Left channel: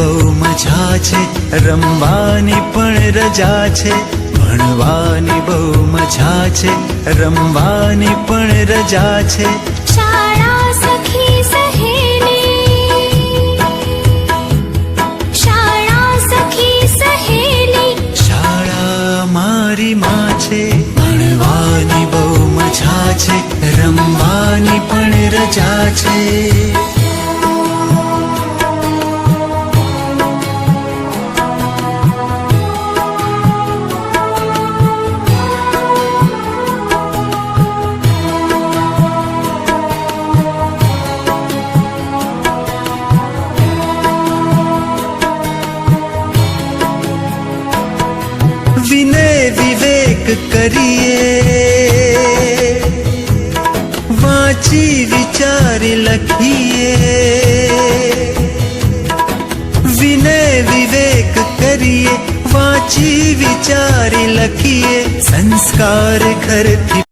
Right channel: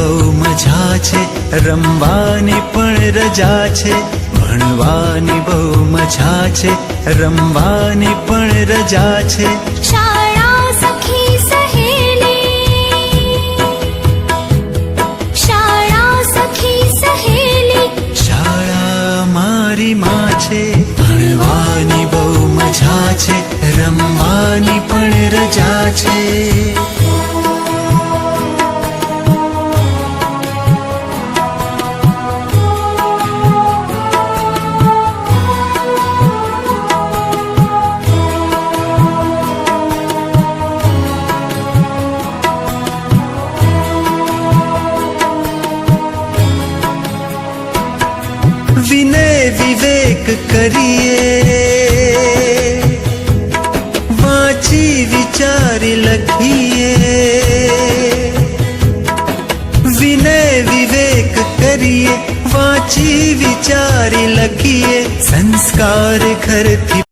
બહુ મજા છે, રમવાની પણ રજા છે. ભણવાની બહુ મજા છે, રમવાની પણ રજા છે. શાળા સખી સહેલી, શાળા સખી સહેલી. શાળા મારી માં છે, ભણવાની બહુ મજા છે, રમવાની પણ રજા છે. વિનય વિવેક કરીએ, વાંચી વિચારી લખીએ. વિનય વિવેક કરીએ, વાંચી વિચારી લખીએ. સંસ્કાર ઘરથી